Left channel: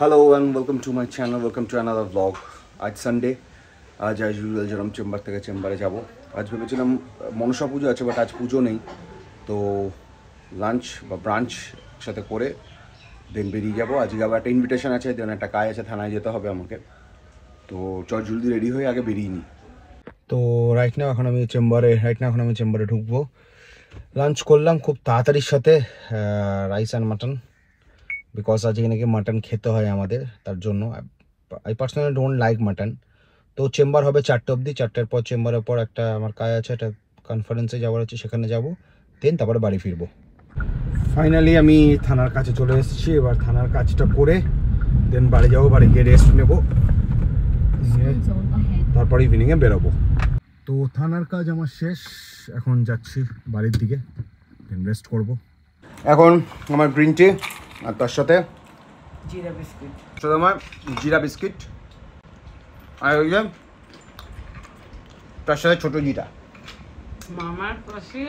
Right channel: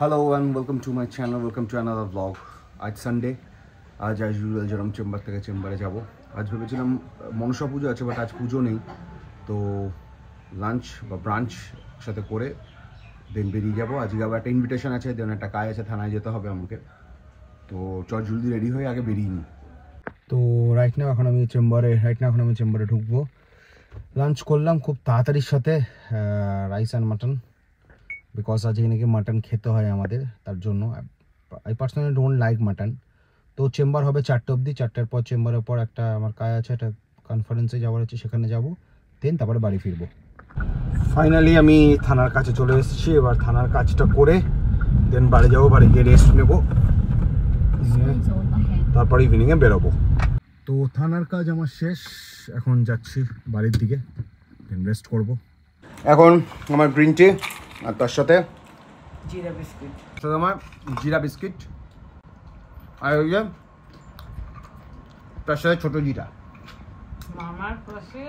Hello and welcome to my channel, welcome to another vlog. आज Sunday, आज as usual जरम chamber থেকে চেম্বারে যাব। আজ ভেবেছিলাম মনসা পুজো আছে বাট আজ পুজো নেই, তো লাঞ্চ বা ব্রাঞ্চ সাথে করে দেন বেরিয়ে যাবো। আজকে আবার একটা ইনভিটেশন আছে, দেন একটা কাজ আছে, থানায় যেতে হবে আমাকে, তো চল জলদি রেডি হয়ে আগে বেরিয়ে নিই। তো রাইট নাও এখন আমি চেম্বারে ঢুকবো। লাঞ্চ করলাম খুব তাড়াতাড়ির সাথে, রাইস অ্যান্ড মাটন, বিকজ আজকে নাকি মাটন খেতে হয় আমাদের, তার জন্য। I personally don't like mutton. তো চেম্বার হবে 4টে অবধি, 4টের পর চেম্বারের পর একটা আমার কাজ আছে, একটা কনফারেন্সে যাওয়ার আছে, সেখানে যাব, দেন তারপরে বাড়ি ফিরবো। ফাইনালি আমি থানার কাছে চলে এসেছি, এবার থানার কাজটা করে দেন বাড়ি যাবো, বাড়ি গিয়ে রেস্ট নেবো, তারপরে ইভিনিংয়ে বেরোবো। তো থানার কাজ আমার শেষ, এখন যাচ্ছি বাড়ির দিকে, দেন রেস্ট করবো। এখন আমার গ্রিন টি আর তার সাথে জিরা বিস্কিট, আমার জিরা বিস্কিট, আর হইলে তার সাথে ছোটো জিরা। মামার পাশে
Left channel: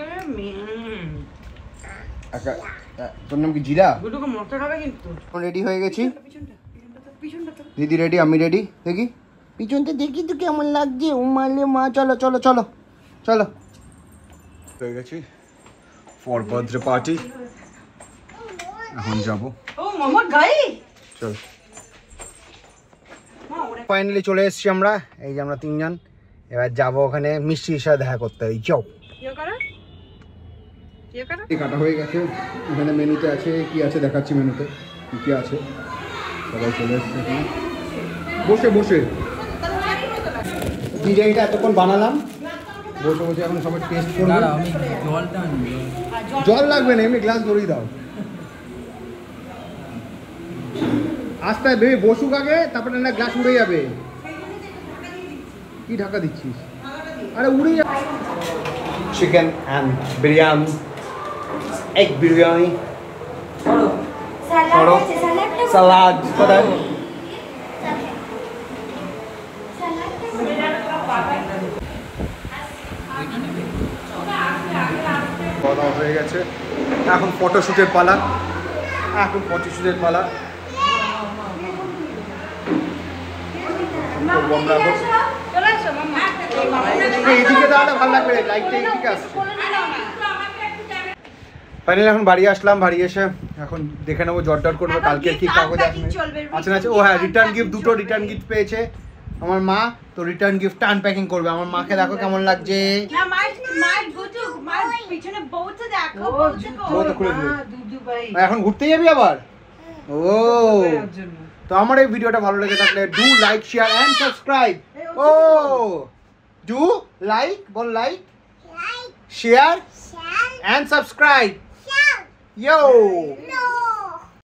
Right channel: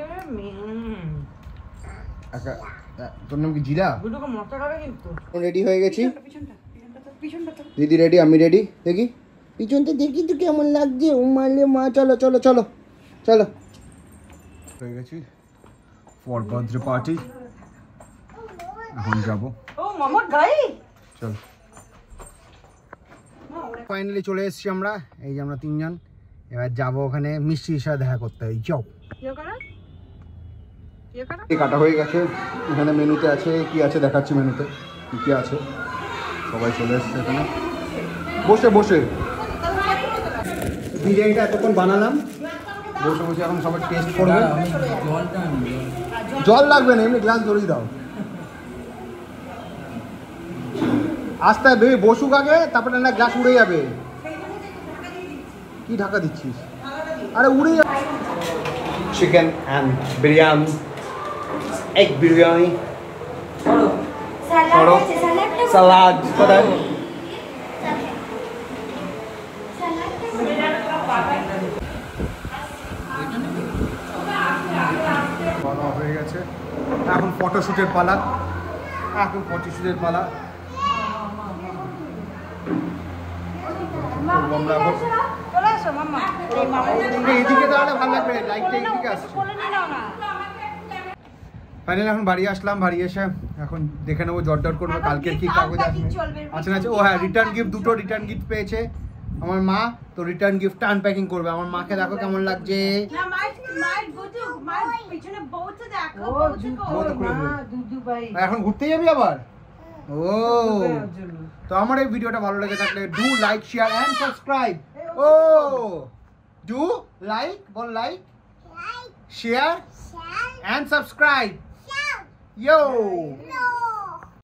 তোর নাম কি জিরা? দুটো মশলা হবে কিন্তু। রেডি হয়ে গেছি, দিদি রেডি, আমি রেডি। দেখি পিছনটা দেখি তো কেমন লাগছে। ও মারলে মা, চলো চলো চলো চলো। হয়ে গেছি ফর বার্থডে পার্টি, এখন যাবো। ও মামা গাই চল, ফাইনালি চলে এসেছি আমরা, এই যে আমরা তিনজন। এবার যাবো ওখানে মিষ্টির সাথে দেখা করতে। এই যাও, কাটা হয়ে গেছে, এখানে মেনুতে আছে কি আছে দেখাচ্ছি, মেনুতে কি কি আছে। সবাই চলে এসছে এখানে, বসে বসে বিরিয়ানিটা এতক্ষণ বানালাম, বসে বসে এখন সবাই টেস্ট করবে। জল লাগবে না, এমনি গ্লাস ধরিয়ে দাও। আস্তে বেবি বসুক আগে, তারপরে না গ্লাস উড়ে যাবে। কি ঢাকা দিচ্ছিস? আরে উড়ে যাবে। Chicken and biryani, egg biryani, salad কোথায়? হয়ে গেছে, এখন ফটোশুটের পালা, ফাইনালি এখন বাড়ি আসলাম। বাড়ি এসে এখন দেখে নেবো, জট করবো কালকে কি কাগজ আছে না। ও হ্যাঁ, রিটার্ন গিফট, দুটো রিটার্ন গিফট পেয়েছে আমার মা, তো রিটার্ন গিফট আনপ্যাকিং করবে। আমার মাকে দেখো কেমন লাগছে। এখন ঘুরতে যাবি আবার? ও, তো আমার এই ভিডিওটা ভালো লেগে থাকলে do like, share and subscribe. ও ডু লাইক, বল like, share and subscribe. Yo!